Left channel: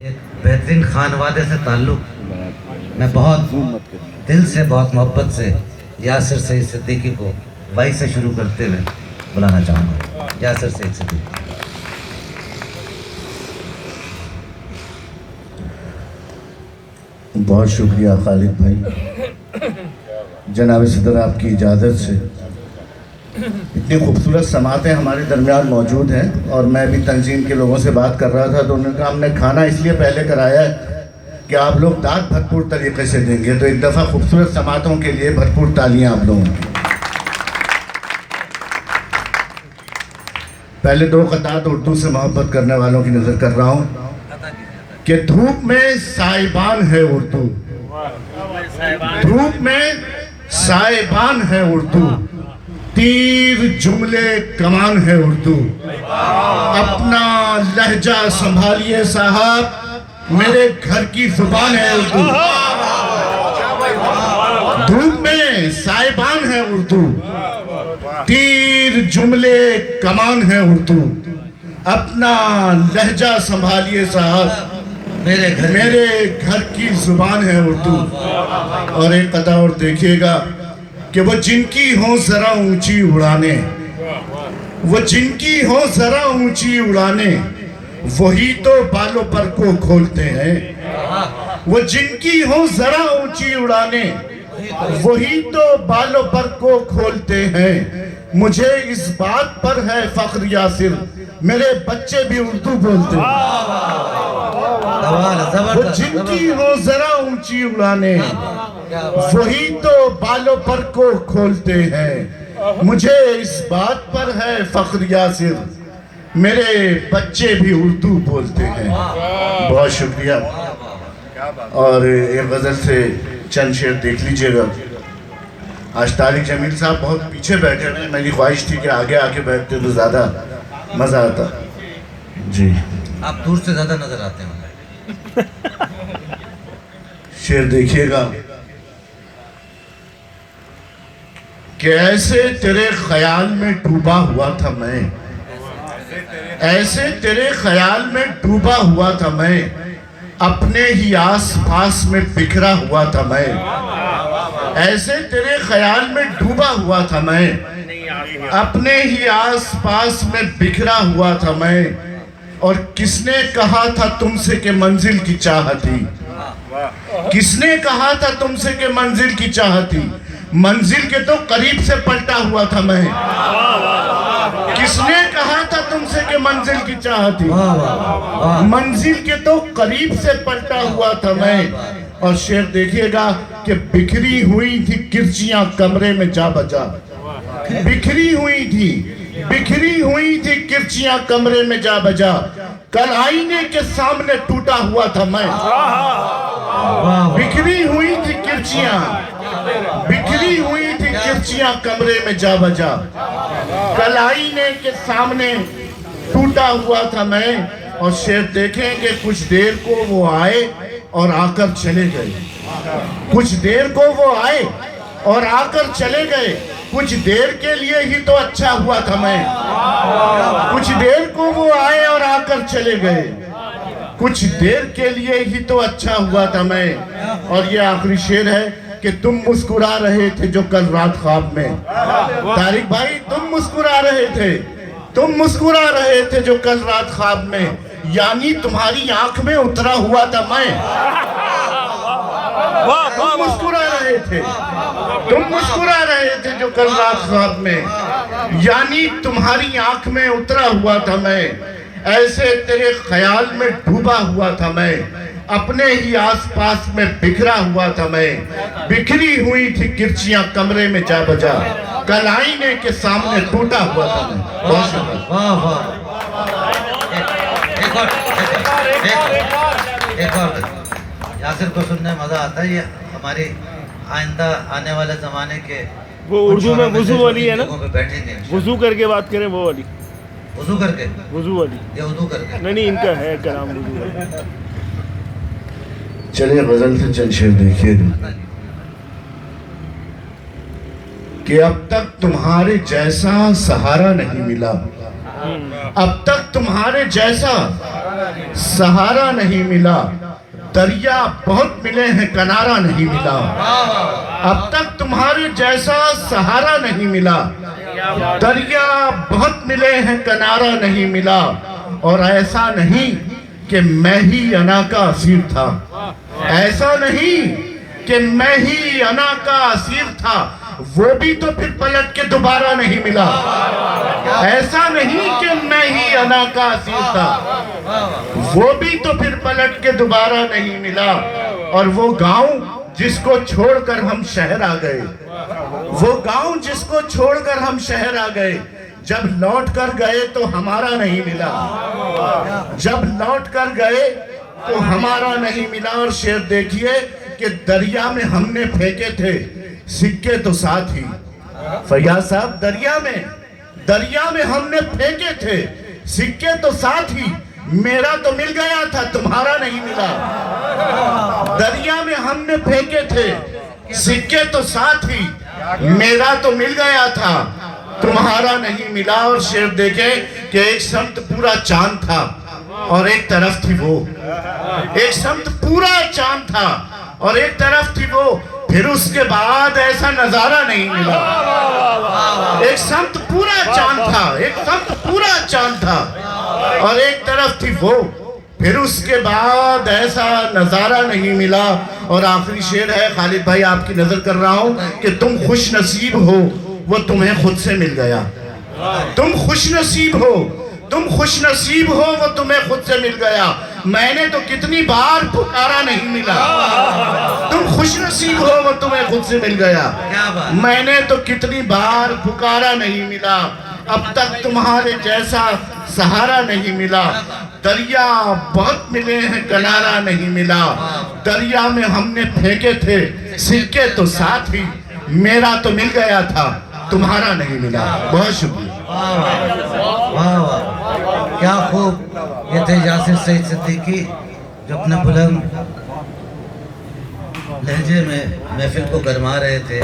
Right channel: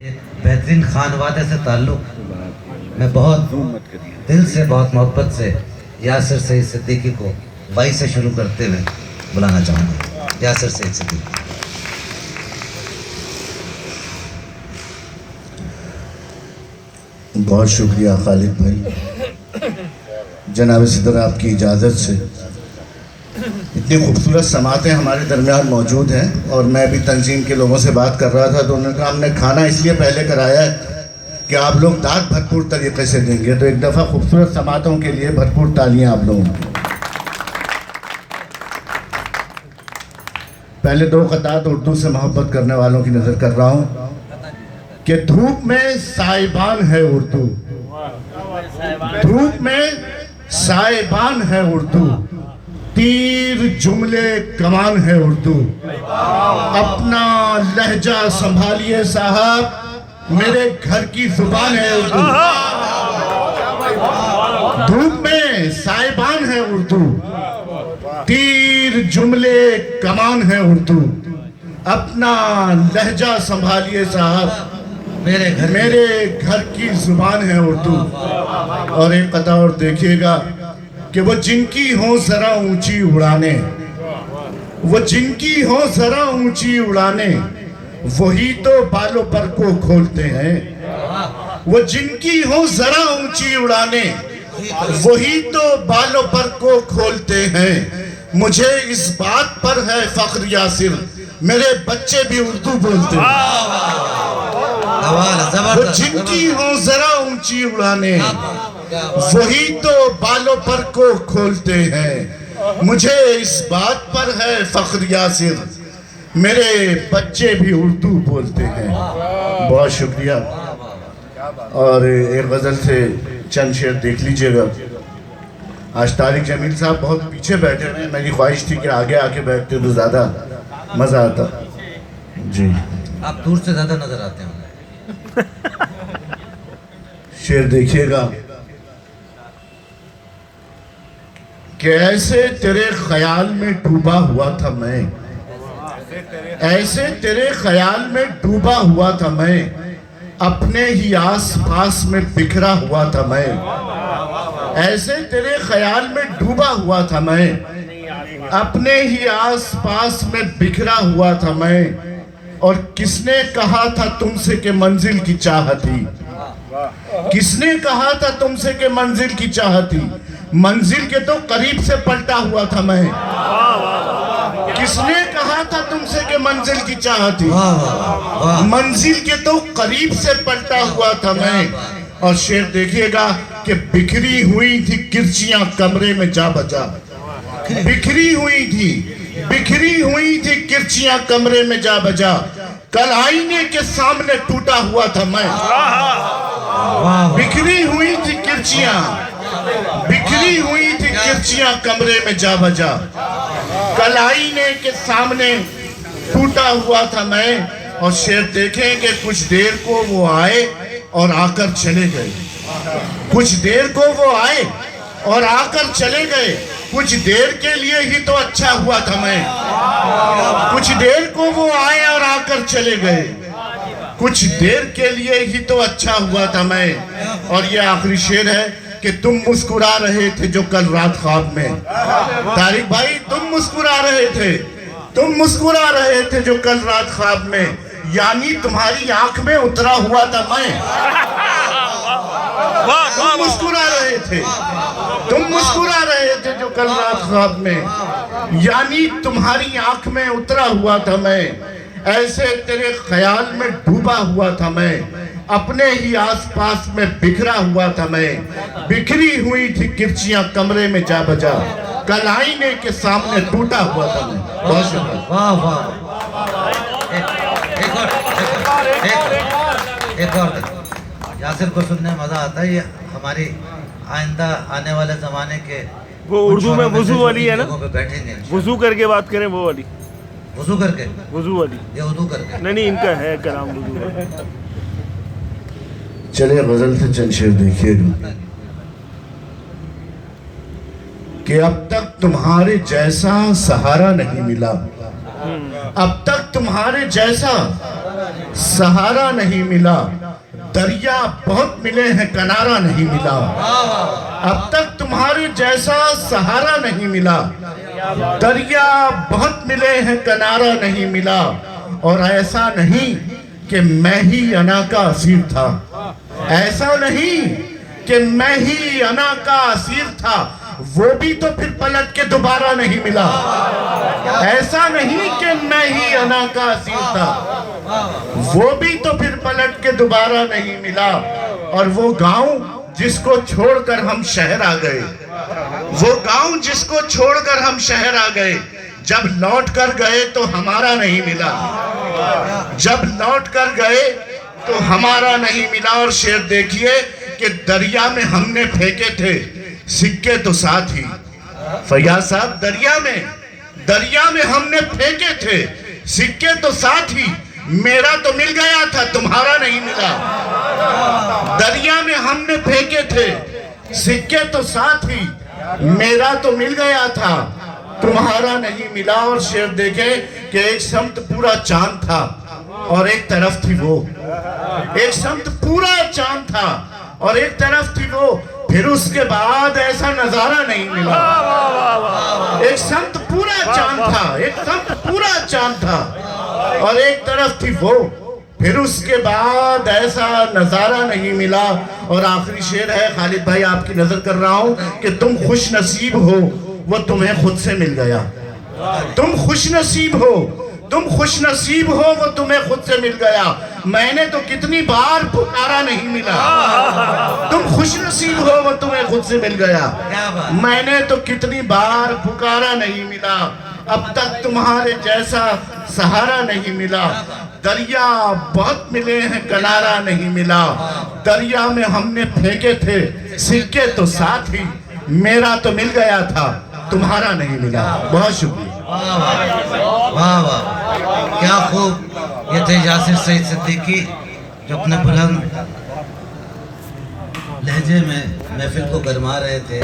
एक बेहतरीन खानवादे से ताल्लुक़ मैं बहुत दिल से बहुत मोहब्बत से यासिर सईद सिद्दीकी को वाई से शुरू करते हुए बुलाना चाहूँगा। यासिर सईद सिद्दीकी। बहुत शुक्रिया खालिद भाई। जनाब सदर आपकी इजाज़त से इतनी खूबसूरत समातें हमारे दरमियान मौजूद हैं और मैं भी तंजीम के लोगों से बात कर रहा था तो उन्होंने कहा हमने खाना इसलिए पहले कराया है कि आप लोग दाद भरपूर तरीके से देंगे, तो एक दफ़ा खूबसूरत समातों के लिए भरपूर तालियां आप लोगों की। पहले दो क़तात उर्दू से मोहब्बत करने वालों की नज़र कर रहा हूँ कि धूप में साइबान है उर्दू, धूप में साइबान है उर्दू, तीर जुमले कमान है उर्दू। अपना लहजा संभालिए साहब, मेरे घर की जुबान है उर्दू। धूप में साइबान है उर्दू, तीर जुमले कमान है उर्दू। अपना लहजा संभालिए साहब, मेरे घर की जुबान है उर्दू। और एक कथा और देखिएगा कि वो जिनकी हो जरा ऊंची उड़ाने, वो जिनकी हो जरा ऊंची उड़ाने, वही तो बालों पर को खोलते हैं। वो जिनकी हो जरा ऊंची उड़ाने, वही तो बालों पर को खोलते हैं। मुझे इस बात पर है फख्र यासिर, मेरे बच्चे भी उर्दू बोलते हैं। वो जिनकी हो जरा ऊंची उड़ाने, वही तो बालों पर को खोलते हैं। मुझे इस बात पर है फख्र यासिर, मेरे बच्चे भी उर्दू बोलते हैं। बहुत शुक्रिया। और एक गज़ल से चंद शेर देख लीजिएगा। आज तारिक जमील साहब बहुत पीछे बैठे हुए हैं, मेरी ख्वाहिश थी कि आगे आके बैठते तो ज़्यादा मज़ा आता। जी आप दूर से ज़्यादा नजर आते हैं। शेर देखिएगा कि ऐसे तेरे ख्याल में डूबा हुआ था मैं, ऐसे तेरे ख्याल में डूबा हुआ था मैं, अपने ही आस पास में बिखरा हुआ था मैं। ऐसे तेरे ख्याल में डूबा हुआ था मैं, अपने ही आस पास में बिखरा हुआ था मैं। और किसने कहा था तुमसे कि मंजिल की चाहती, किसने कहा था तुमसे कि मंजिल की चाहती, मंजिल के तो करीब से पलटा हुआ था मैं। किसने कहा था तुमसे कि मंजिल की चाहती, मंजिल के तो करीब से पलटा हुआ था मैं। और शेर देखिएगा कि बिखरी हुई थी किरचियां कमरे में जा बजा, बिखरी हुई थी किरचियां कमरे में जा बजा। कल आईने के सामने टूटा हुआ था मैं। बिखरी हुई थी किरचियां कमरे में जा बजा। कल आईने के सामने टूटा हुआ था मैं। और शेर देखें कि कुछ देर को वो आए और आकर चले गए, कुछ देर को वो आए और आकर चले गए। कुछ देर के लिए ही तो अच्छा हुआ था मैं, कुछ देर को वो आए और आकर चले गए, कुछ देर के लिए ही तो अच्छा हुआ था मैं। और ये आखिरी शेर है कि तुम मुस्कुरा रहे थे जो कल रात ख्वाब में, तारिक भाई तुम मुस्कुरा रहे थे जो कल रात ख्वाब में, यानी तुम्हारी आंख में उतरा हुआ था मैं। तुम मुस्कुरा रहे थे जो कल रात ख्वाब में, यानी तुम्हारी आंख में उतरा हुआ था मैं। ऐसे तेरे ख्याल में डूबा हुआ था मैं, अपने ही आसपास में बिखरा हुआ था मैं। बिखरी हुई थी किरचियां कमरे में जा बजा, कल आईने के सामने टूटा हुआ था मैं। बहुत शुक्रिया। एक और यासिर को सुनने मजा आता है। ये हमारी आइंदा आने वाले जमाने के वो उर्दू में वुजू वाली है ना, बैठेंगे वुजू करके बात करें वो वाली, वुजू करके, वुजू वाली ये वुजू करके नहीं, इनका है कलाम वुजू वाली। चलिए गजल से चंद शेर देखिएगा कि अब तक तुम्हारे जैसा सहारा नहीं मिला, अब तक तुम्हारे जैसा सहारा नहीं मिला, दरिया बहुत मिले हैं किनारा नहीं मिला। अब तक तुम्हारे जैसा सहारा नहीं मिला, दरिया बहुत मिले हैं किनारा नहीं मिला। और ऐसा नहीं कि मैं ही अना का असीर था, ऐसा नहीं कि मैं ही अना का असीर था, वो भी तो फिर पलट के दोबारा नहीं मिला। ऐसा नहीं कि मैं ही अना का असीर था, वो भी तो फिर पलट के दोबारा नहीं मिला। और वो गांव जिसको छोड़कर हम शहर आ गए, वो गांव जिसको छोड़कर हम शहर आ गए, जब लौट कर गए तो हमारा नहीं मिला, जब लौट कर गए तो हमारा नहीं मिला। और शेर देखिए कि दरिया में हमने फेंके थे सिक्के तो साथ ही, फैयाज साहब दरिया में हमने फेंके थे सिक्के तो साथ ही, मेरा तो मिल गया था तुम्हारा नहीं मिला। दरिया में हमने फेंके थे सिक्के तो साथ ही, मेरा तो मिल गया था तुम्हारा नहीं मिला। और शेर देखे कि एक समत पूरा चांद था और एक तरफ थी वो, एक समत पूरा चांद था और एक तरफ थी वो, फिर उसके बाद ऐसा नजारा नहीं मिला। एक समत पूरा चांद था, एक समत पूरा चांद था और एक तरफ थी वो, फिर उसके बाद ऐसा नजारा नहीं मिला। और आखिरी शेर है, खालिद भाई आपकी नजर कर रहा हूं कि तुम खुश नसीब हो वो तुम्हें खुद से मिल गया। तुम खुश नसीब हो, तुम खुश नसीब हो वो तुम्हें खुद से मिल गया। मैंने तो कितनी बार पुकारा नहीं मिला, तुम खुश नसीब हो वो तुम्हें खुद से मिल गया। मैंने तो कितनी बार पुकारा नहीं मिला, अब तक तुम्हारे जैसा सहारा नहीं मिला। दरिया बहुत मिले हैं किनारा नहीं मिला, दरिया में हमने फेंके थे सिक्के तो साथ ही, मेरा तो मिल गया था तुम्हारा नहीं मिला। बहुत शुक्रिया। वाह वाह, क्या खूब। ये थे यासिर सईद सिद्दीकी जो अपने बुलंद लहजे में महफिल को गरमा रहे थे।